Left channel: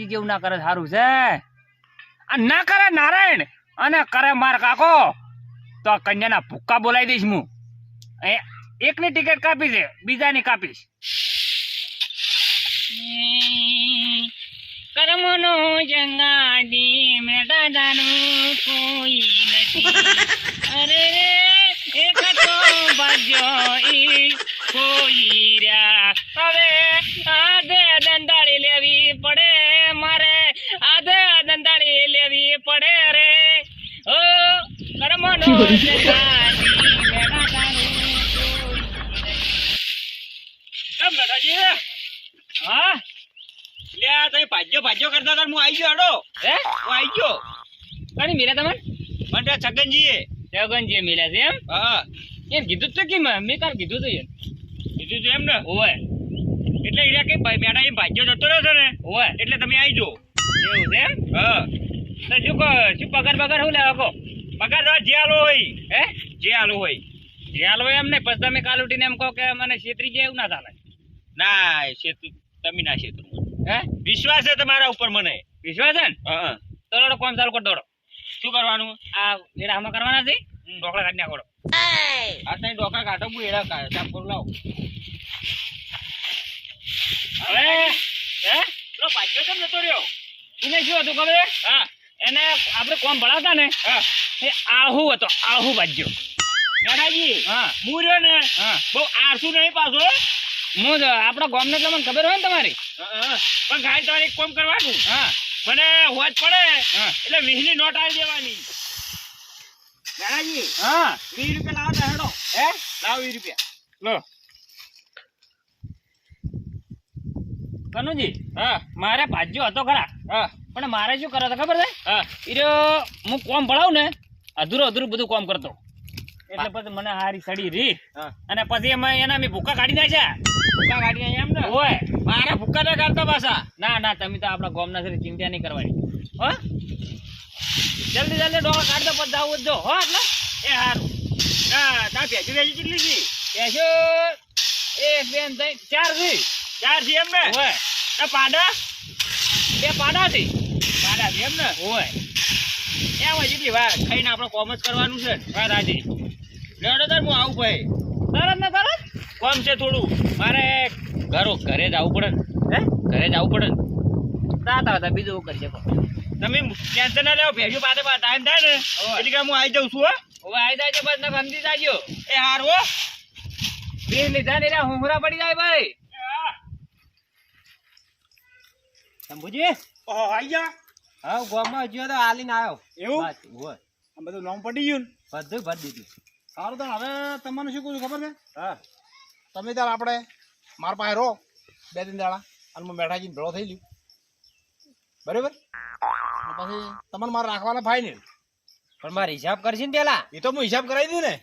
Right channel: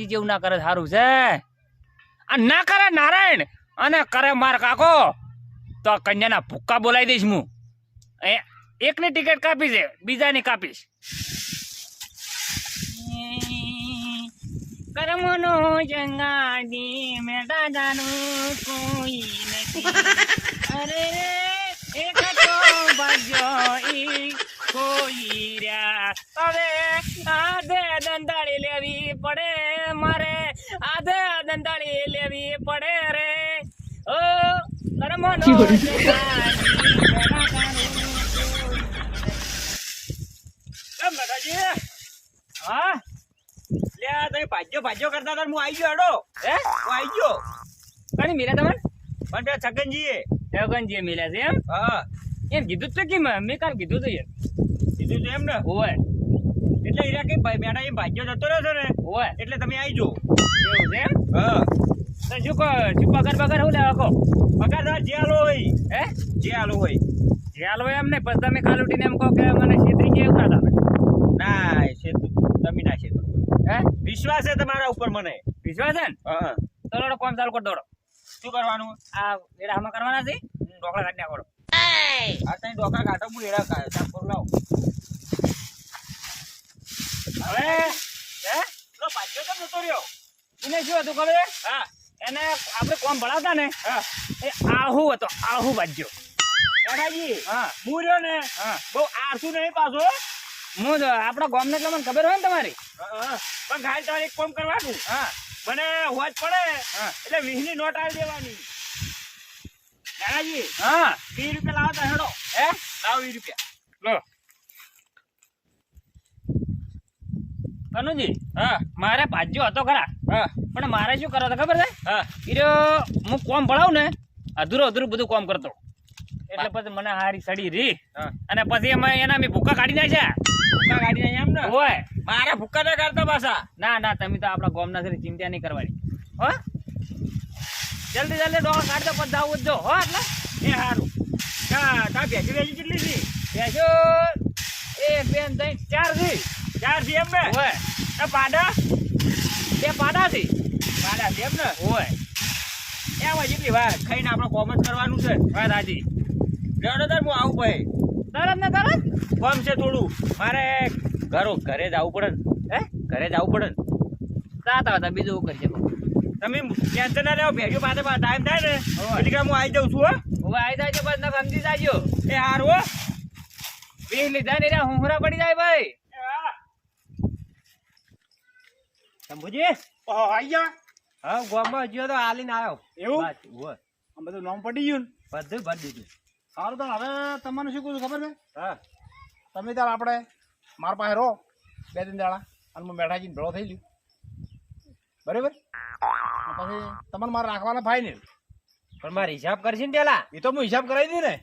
મેઠાજી જેવું ના કરે સારું છે. અને ના કરે નારાયણ અને કરે માર કાકો તો કન્યાના ભૂક્કા બોલાવી દઈશ હું. એકની ટિકિટ કાપી છે, બીજાની કાપીશ. કર્મનો જંગાડી મેટા જાનું કોઈ નથી. અરે રે એક તો ભાગ્યો ઈ કોઈ રહ્યા. હવે આધે દંડાળી લેવી પડે મારે, આધે દંડાળી લેવી પડે રે. ઓ કર્મનો જંગાડી મેટા જાનું કોઈ નથી. હા લે તમે ભાજ્યો કરતા હતા, હું આવી ગયો. હેડો હે હું આવી ગયો. કણી મિલ્યા તમને? મને છગનજીએ મિલ્યા છે એમ? હા એમ કીધું તો કેમ મેં કાલ કીધું તું કીધું તું એમ ને? હોય એટલે હીરા કઈ મેડા એમ ભાજ્યો જતો રહ્યો છે ને? હોય એટલે તમે આવી જો. એવું છે એમ? હા તો શું પગાર શું લેવા કહો? પગાર તો જે આલો હોય. હે જે આલો હોય એમ ને? પછી તમે કાલ ઉઠીને એમ કહો કે મને છેતરી ગયા, એવું ના થાય. ના છેતરી તમે ના છેતરો. હે વિશ્વાસ છે તમારા ઉપર? મને વિશ્વાસ છે ને? હા તો દોડો કામ ચાલુ કર. દોડો. શું કરવાનું? આ એડા આમાં કરવાના છે. ઢોકળા કાઢી નાખો. આ તઈ ઢોકળા કાઢો, હું એડા સાફ કરું. લાવો હવે. હે પેલો ભાગ્યો કેમ જતો રહ્યો? એને શું હતું ખબર? હા એને આપણે કોમ ભણાવતા ને, હા એ આહુ હતો. આહુ ભાગ્યો દાદાજી. હા હું રહ્યો ને, હા બહુ આરસું નહીં પાછો. હું આપણા ગામને એટલે મને ખબર હોય ને તમારી. પણ ગાય તમારે એક કામ કરવાનું. હા મને હોજ પડે એટલે 20 ની નોટ આવી દેવાની. દાદાજી હા 20 રૂપિયા લાવો તો હેડો. હે લાવો 20 રૂપિયા લો. કનુજી હા મારે ભાજ્યો હતો ખરા. હા પણ મારે શું કરો ખબર છે? હા હું કોમ ભણાવું ને અધૂરું બધું કોમ કરતો, એટલે પછી મને હારી સડી રી. અને પછી એના મેં ભૂકા કાઢી નાખ્યા. ભૂકા કાઢી નાખ્યા એમ ને? હોય મારા ભૂકા ના કાઢતો પાછા. ના તમે તો આપણા ગામના છે, ચિંતા નહીં કરવાની. હો જલ્દી ડોળા કાઢી દો, પછી જાવું જ જો. હો એટલે એ સારું. તા ભેંસી કેટલી છે? ભેંસો 1 2 3 4 છે એમ ને? હોય પાડા 2 પાડા છે. પાડા છે એમ ને? હોય એમ જેટલી વાર ખાઈને આપણે કોમ જ કરવાનું છે. વાત હાજી. લેડો તાર હું આવું ભાઈ. તરત ને તરત કોમ છે થોડું મારે. ઘરે જવું પડે ને. હે ઘરે જવું પડે ને? જાતા હતા બીજું કરજે. તમે ટેન્શન ના લેવો, ભેજો પાસે ટાઈમ થાય ને એટલે હું આવી જાઉં છું. હવે આવી જાય છે બસ ને સમજી જાજો. એ હાર હો 20 લીધા ને હુંહરા પડી જાય ભાઈ. શંભુજી આવી ગયા? હા ગામમાં હજુ તો હાલીને આવ્યો. એવું હોય આમ બધું નામ પડી ગયું ને? બધું ભરી દીધું. સારું તો હવે તમને શું કહું ખબર છે? હા તમે ત્યારે આપણે મારા પાસે રહો 2 3 દાડા, અને હું મેઠાજીને ભેળો થઈ ગયું બરાબર. પછી તમને મારે રાખવાના ફાઇનલ. પણ મારે હિસાબ કરશે ને પેલા? એ તો હું હિસાબ કરાવી દઈ ને.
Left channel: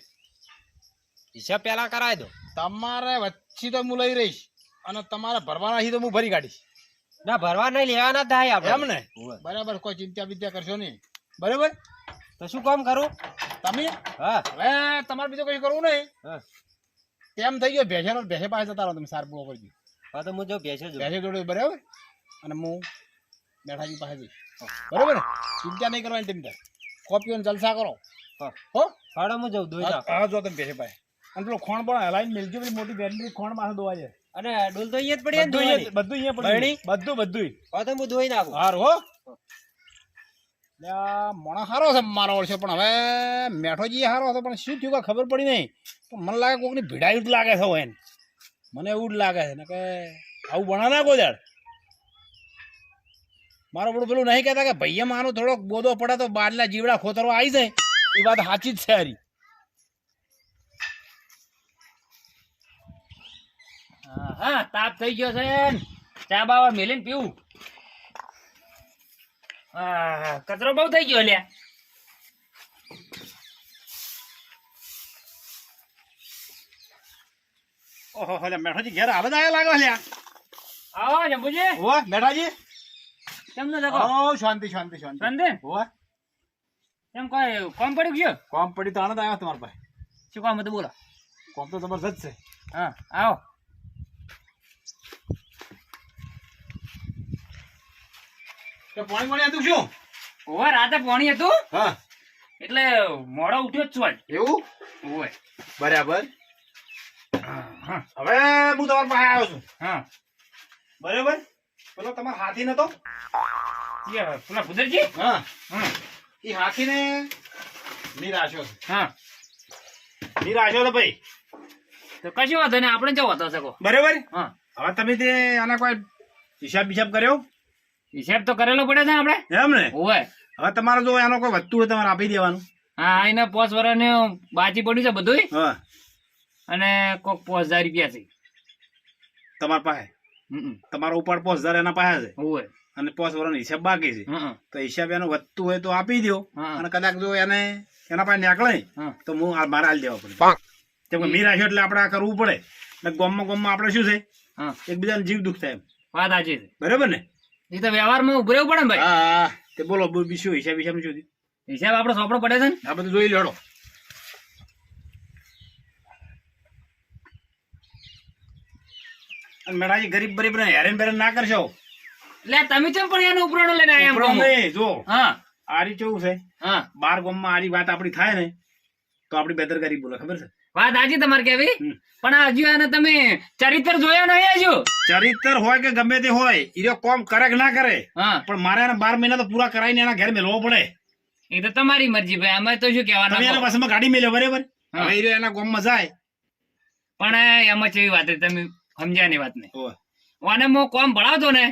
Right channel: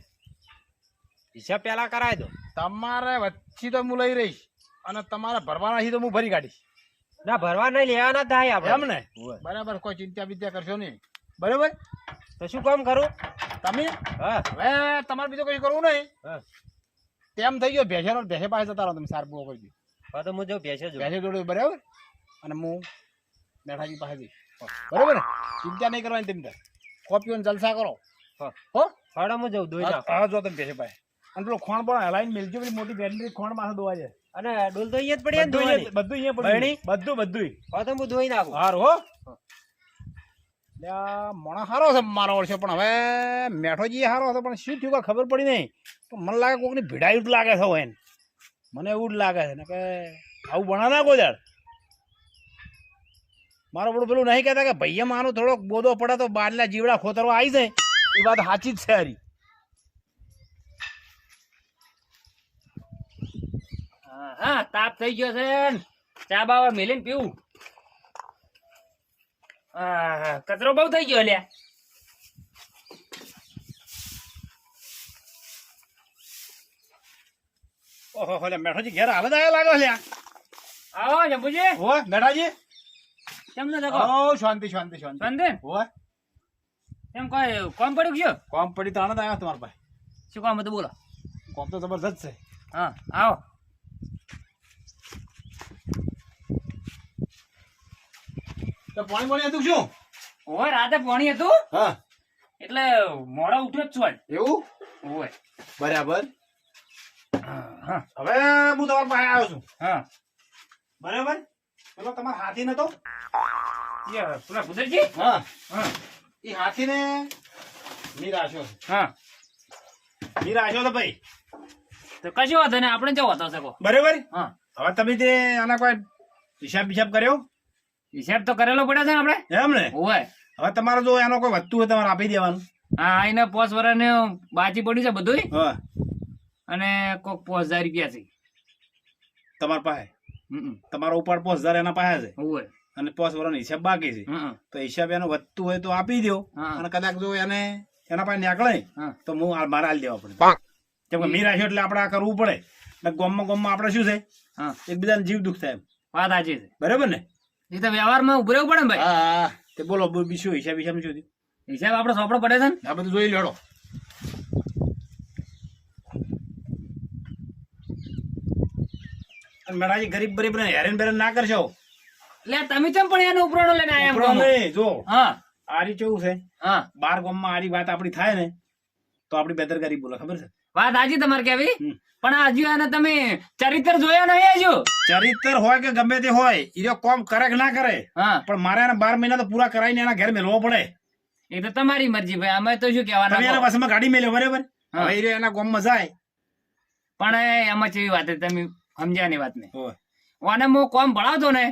હિસાબ પેલા કરાવી દો. તમારે વચ્ચે તો હું લઈ રહીશ, અને તમારે ભરવાના છે તો હું ભરી કાઢીશ. ના ભરવા નહીં, લેવાના થાય આપણે એમ ને? બરાબર, કોઈ ચિંતા બિંતા કરશો નહીં બરાબર. તો શું કામ કરું તમે? હા હવે તમારે બીજું કઈ કરવું નહીં. તેમ થઈ ગયો ભેંસે પાસે જતા રહો તમે. સાર પૂરો કરી દો. હા તો હું જો ભેંસે જોડે બરાબર, અને હું મેઠાજી પાસે જઈશ બરાબર ને? ચિંતા નહીં કરવાની. તમે કોપીઓ જલસા કરો. હો હાડા હું જઉં દોઈ જાવ. હા જો તમે ભેંસે પાસે, અને પેલો ખોણ પણ હલાઈને મેલજો. પેલી મોટી બેટરી ખોણ માથે દોવા છે. અને ડોલ તો અહીંયા જ પડી. બધું અહીંયા પડી. બધું હા તો હું ધોઈ નાખું. સારું હો. મોણા સારો છે મારો વર્ષે, પણ હવે મેઠોજી સારો હતો, પણ શું થયું ખબર પડી નહીં. પણ મને લાગે કોઈકની ભીડાયું જ લાગે છે એને. મને એવું જ લાગે છે ને કે આવું બના ના કોઈ દાડ. મારો બધું પેલું નહીં કહેતા કે ભાઈ મારો થોડોક બોધો પડે તો બારના જીવડા ખોતરવા આવી જાય. એ વાત સાચી જ છે હારી. હા તાપ થઈ ગયો છે, ચા બાવા મેલીને પીવું. કચરો બહુ થઈ ગયો લ્યા. ઓહો લે મેઠાજી ઘેર આવે જ લાગો લ્યા. આવો જંબુજી. હો મેઠાજી કેમ ન દેખો? ઓ શાંતિ શાંતિ શાંતિ શાંતિ. હો કેમ કોઈ કોમ પડ્યું ગયો? કોમ પડી તો આનંદ આવ્યો તમારા પાસે. શું કામ હતું બોલો? કોમ તો જબરજસ્ત છે. હા આવો. તો પાણી હતું શું? ઓય રાતે પાણી હતું. હા એટલે મોડો ઉઠ્યો જ છું આજ. એવું? ઓય બરાબર. હવે હું તમારા પાસે આવ્યો છું. હા બરાબર. પેલો તમારો હાથી નતો? પેલા કુદરજી. હા હા એ હાથીને નિરાશો છે. હા નિરાશો તો ભાઈ. તો કશું વાંધો નહીં, આપણે જવો હતો શકો. બરાબર. હા હવે તમે તે આના કોઈ હિસાબ કર્યો? હિસાબ તો કરેલો પડે છે આપણે. એમ ને? ઓય હવે તમારો જો એનો કોઈ વધતું હોય તમારે આપી દેવાનું. હા એને 5 વર્ષ બાજી પડ્યું છે બધું. હા અને કોક 5000 રૂપિયા છે તમારા પાસે. તમારો ઉપર 5000 એના પાસે છે. ઓય અને 5 વર્ષનો હિસાબ બાકી છે. તો હિસાબ એનો વધતું હોય તો આપી દો. અને કદાચ જો એને એના પાસે નીકળે તો હું મારે હાલ દેવા પડે. કેમ કે મીરા છે એટલે આપણે આ કરવું પડે. એટલે ગામમાં આપણે શું છે, એકબીજાને જીવ દુઃખ થાય. વાત સાચી છે. બરાબર ને? એ તો વ્યવહારમાં ઉભરેવું પડે ને ભાઈ. હા તે બોલો શું હિસાબ શું થયું? હિસાબ આપણે સોંપડો પડે છે ને આ બધું જોઈ લેડો. મેળાજી ગરીબ બરીબ ને હેરાન બેરાન ના કરશો. એટલે તમે કેમ પણ એનો ઉપરાણો લઈને આયા એમ કહો? જો હા આરી કેવું છે, હા 12 ગામમાં આરી વાત આપડી થાય ને તો આપડી બેદરકારી બોલે. ખબર છે? વાત સાચી તમારે કેવી, પણ હજુ એને તમે ચરિત્ર જોયા નહીં. હજુ ચરિત્ર હોય કે ગમે તે હોય, એ કોમ કરે કે ના કરે, પણ મારે એને 12 મહિના તો પૂરા કરાવીને એના ઘેર મેળવો પડે. એ તો તમારી મરજી ભાઈ, અમે તો શું કહેવાના. તમે એના પાસમાં ગાડી મેલ્યો બરાબર, હવે એના ગામમાં જાય. પણ એમાં કેવી વાત તમે સમજ્યા ની વાત ને. અને હું કોમ ભણાવતો ને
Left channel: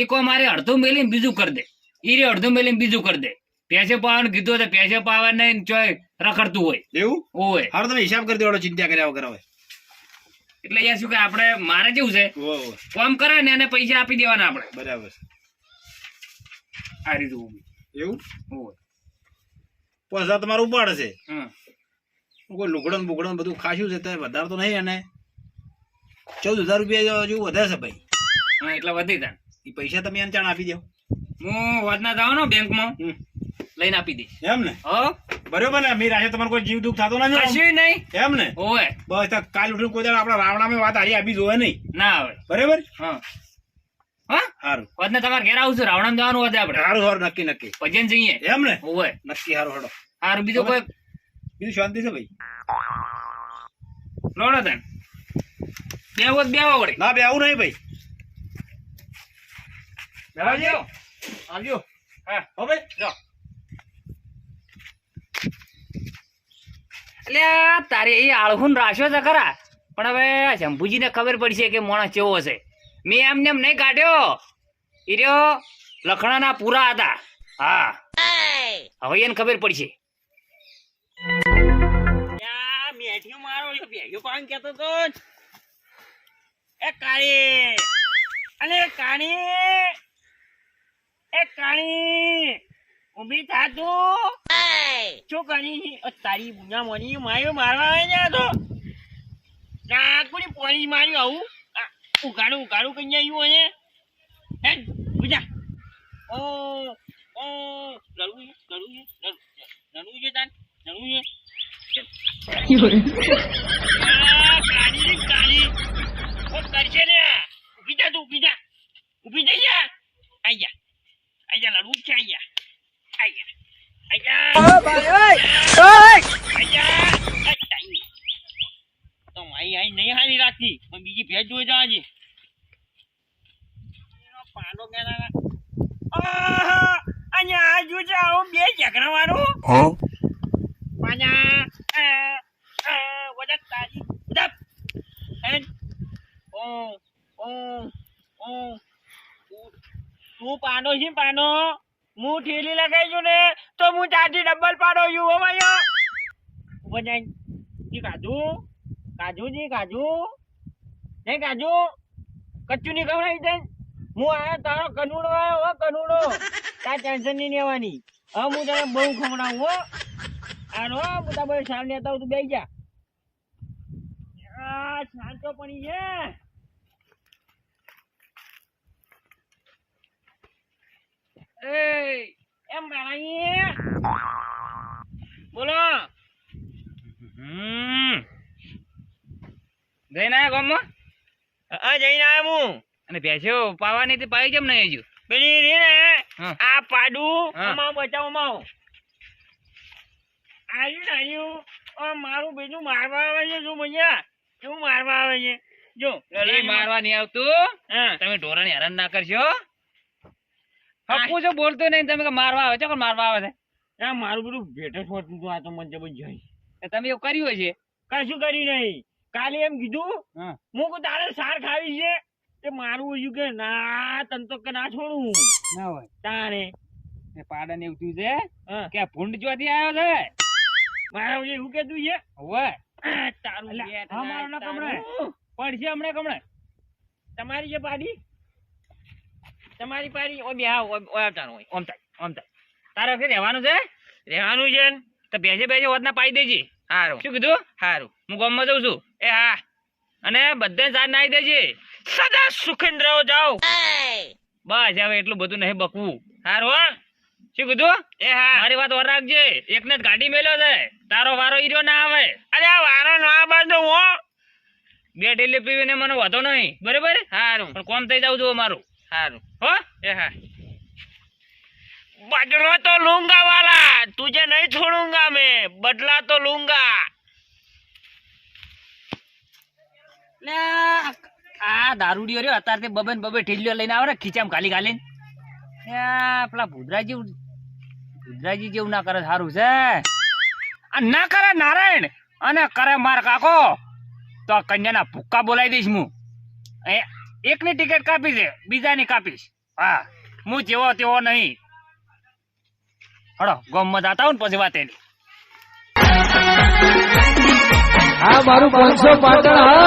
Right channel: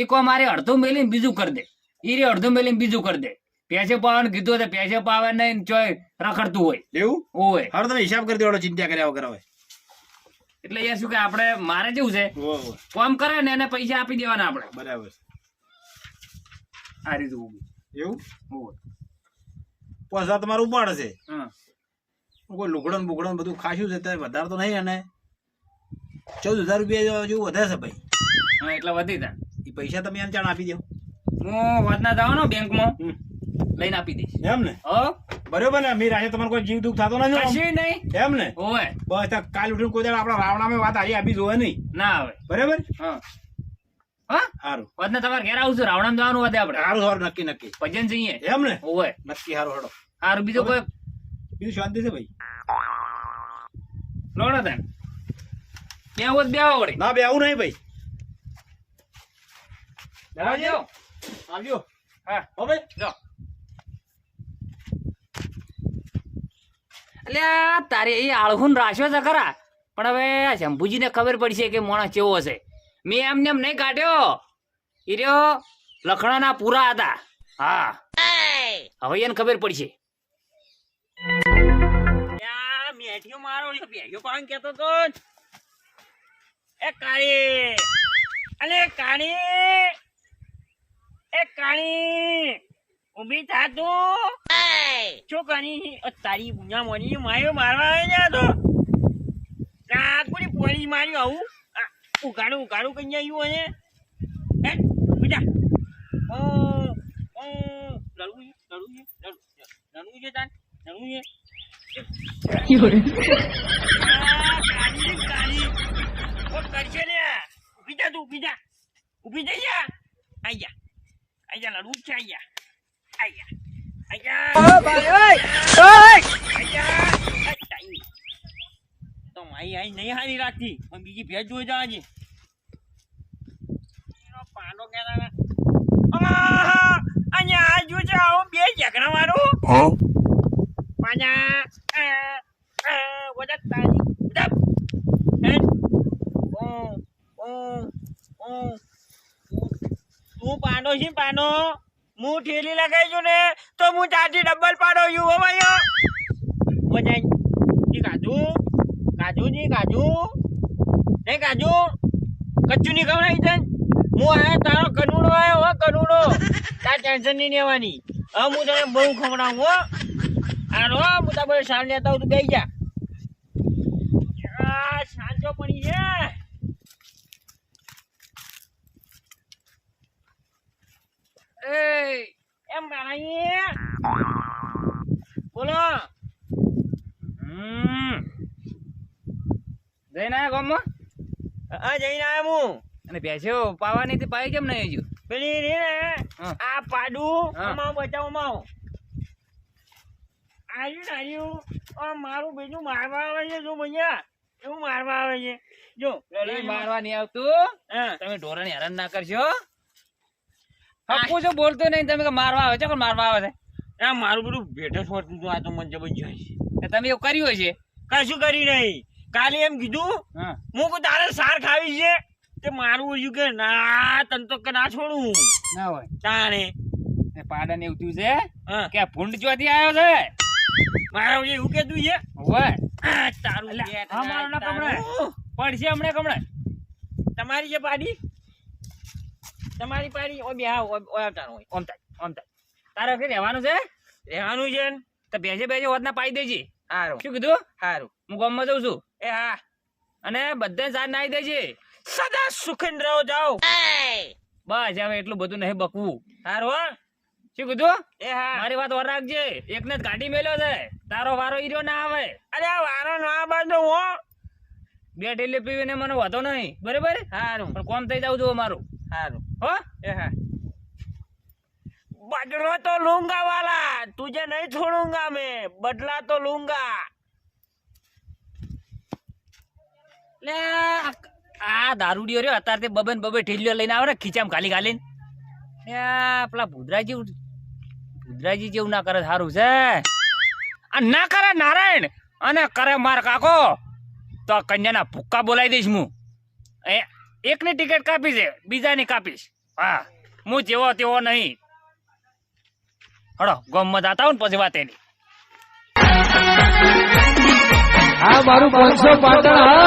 એ કોમ મારે અડધું મેલીને બીજું કરી દે, એ અડધું મેલીને બીજું કરી દે. પૈસે પાવાનું કીધું તો પૈસે પાવા નહીં ચોય રખડતું હોય એવું હોય. હારું તમે હિસાબ કરી દેવાનો, ચિંતા કર્યા વગર. હવે એટલે એ શું કે આપણે મારે કેવું છે, કોમ કરે ને એને પૈસા આપી દેવાના આપણે. બરાબર. આ રીતે એવું પૈસા તમારું ઉપાડ છે. કોઈ લુગડો બુગડો બધું ખાસ્યું છે, વધારે તો નહીં. અને 14,000 રૂપિયા જેવું વધારે છે ભાઈ. હા એટલે વધી તા એ પૈસા તમે એને ચાણ આપી દો. હું વધના જાવ ને બેંકમાં લઈને આપી દઈશ. એમ ને? બરોબર ને? મીર આજે તમારે કોઈ જીવ દુઃખ થતો નથી? કશું નહીં. એમ ને? ઓય બસ કાલ ઉઠીને કોઈ આપડા રાવણામાં વાત હારી આપી જોવે નહીં ના આવે. બરાબર. હા હા સારું. વધને તમારે ઘેર આવું છું, રાવણામાં જવાનું વધે આપણે. સારું સારું, નક્કી નક્કી ભજન જઈએ. એમ ને? ઓય નક્કી. સારું હેડો. સારું. બીજું કોઈ બીજું શાંતિ છે ભાઈ? લોડો તને બેહો વળે. ના બેવું નહીં ભાઈ. આવજો આવજો. હા હવે જો એટલે તારે એ આળહુન રાખ્યો છે ખરા, પણ હવે શંભુજીને ખબર પડશે કે માણસ કેવો હશે. મેં એમને એમ નહીં કાઢ્યો, એ રહ્યો લખણાના પૂરા હતા. હા હવે એને ખબર પડશે. મેઠિયો મારો બેઠિયો પાન કેતો તો એ કાળી અને કાણી એ કાણી ઉભી થા તું. શું કરી તારી બુના મોની માર્યો મારવા આવે તો નાકુડી પોણી માર્યું. આવું ઉઘાડું કઈ આવ્યું અને એ બીજા લડવું છે તાન લડવું છે. કરશે ને ઉભી જા તું, ઉભી થઈ જા. આઈ જા લડવું છે. તો આઈ નહીં હારી રાખતી, પણ બીજી ભેજ જોઈ જવાજી. પાડો કેતા અહીંયા આ જોજે આવો બે ઝઘડા મારું પાછા વડા તારી હું પાડો છે. પાડો હું ઠેલી લગાવી છું ને તો હું ચારથી ડબલ પાડો છું. હો ભાઈ મજા કાજુ નહીં કાજુ કચ્ચું નહીં ખવડાવી છે. હું આયા તારો કનુડો આવ્યો. હો કનુડો, તાર ટેન્શન નહીં લેવાની. હવે હું તને બહુ ખવડાવું. હો હારો હું તારે સાલ લેતા હું તું બેસી જા. શાંતો પડી છે. એમ ભાઈ બોલો. જઈને આવ્યા ગામમાં? હા જઈને આવ્યા હું. અને ભેંસો પાવાની પાઈ કેમ નહીં હજુ? પેલી રે ને હા. આ પાડું હા. અમાવ બચાવમાં આવ્યું મારું બેટું મારવા આવે છે જો ભૈયા એવું મારવા આવે છે જો એ મારવા નહીં આવતું. હા તમે ઢોરાને હેરાન ના કરશો. હપ્પુ જો બોલતો નહીં તમે કે મારવા આવે છે કોણ મારવા આવે છે? આ મારું બધું ભેટે છોડતું હતું આ તો મને જબરજસ્ત તો તમે એવું કર્યું હશે. કશું કરી નહીં કાલે એમ કીધું હા. હું કહું તારે સાર ખાવી છે તે મારું હજુ કે ના તને તો કે ના છોડું ના હોય. તાણે એ પાડાને એવું થયું છે હા કે આ ભૂંડ ચોથી આવ્યો છે. મારા વજે એવું કહેતું છે હોય. તારું અલ્યા, બેટ હા, મારો ના તારું. પડશે હમણાં કમણે. તમારી જે પાડી તમારી પાડી ઓ બે હા ઓમ તારું હોય ઓમ થાય તારે કે રહેવાનું છે રહેવાનું છે ને તો બેસે બેસે હોતના પાઈ દેજે. હારું શું કીધું? હારું હું ગામમાં જઉં છું. એ હા અને બધાને સાથ નાઈ દેજે. સદા સુખેન્દ્ર જાઓ બસ હવે એટલું બધું નહીં બકવું. હારું હો શું કીધું? એ હા મારી વાત વાર રાખજે. એકને જ ગાડી મેલ્યો છે. તારો વારો ઈર્યો ના આવે. અરે આ વારો ના બાંધો હો બે ઢીલી પીવીને મને વાંધો નહીં. બરાબર? હારું પણ કોમ થઈ જાવ જો મારું. હારું હો? એ હા बदला तो लूंगा वाला तुझे नहीं छोड़ूंगा मैं बदला तो लूंगा લે આ દારૂડિયો રહ્યો અત્યારે તે બબે ને બબે ઠીલિયો લઈને આવે ને ખીચામ ખાલી ખાલીને. પેલા ભુદ્રાજી જેવું ના કરે સારું છે. આ ના કરે નારાયણ અને કરે માર કાકો તો આ કન્યાના ભૂક્કા બોલાવી દઈશ હું. એકની ટિકિટ કાપી છે બીજાની કાપીશ. હા હું જેવો તેવો નહીં. હડો ગમત આતા હું ને પછી વાત એની. આ મારું 500 પાટણ હા.